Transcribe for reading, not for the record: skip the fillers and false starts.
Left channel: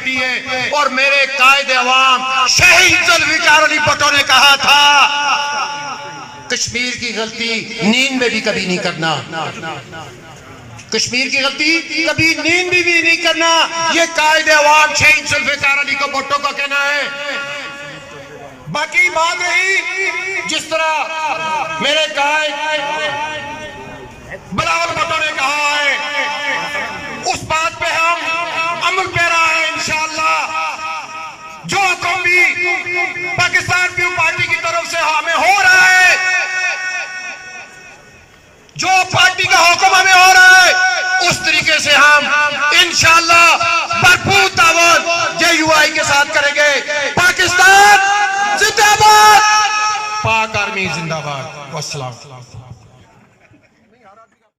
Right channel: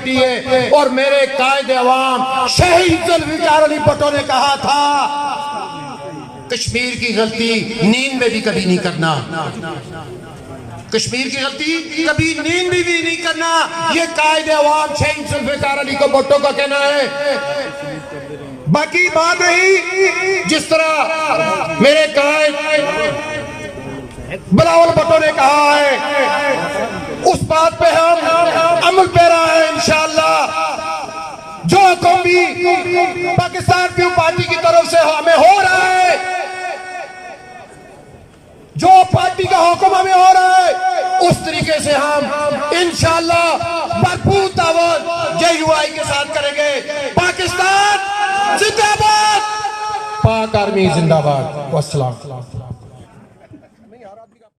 Party है। और मेरे कायदे अवाम शहीद जुल्फिकार अली भुट्टो ने कहा था, कश्मीर की गलती नींद में भी कभी नहीं करना, कश्मीर की गलती कभी नींद में भी नहीं करना। ये कायदे अवाम शहीद जुल्फिकार अली को भुट्टो का कहना है। बाकी बात रही जिस तरह मेरे कायद बिलावल भुट्टो ने कहा है, उस बात पे हम अमल पैरा है इंशाअल्लाह। जो हुक्म भी पाकिस्तान पीपल्स पार्टी की तरफ से हमें हो रहा है, जो पार्टी का हुक्म हमें हो रहा है, उस तरीके से हम इंशाअल्लाह भरपूर ताउन JUI के साथ करेंगे। पाकिस्तान जिंदाबाद, पाक आर्मी जिंदाबाद। वस्सलाम।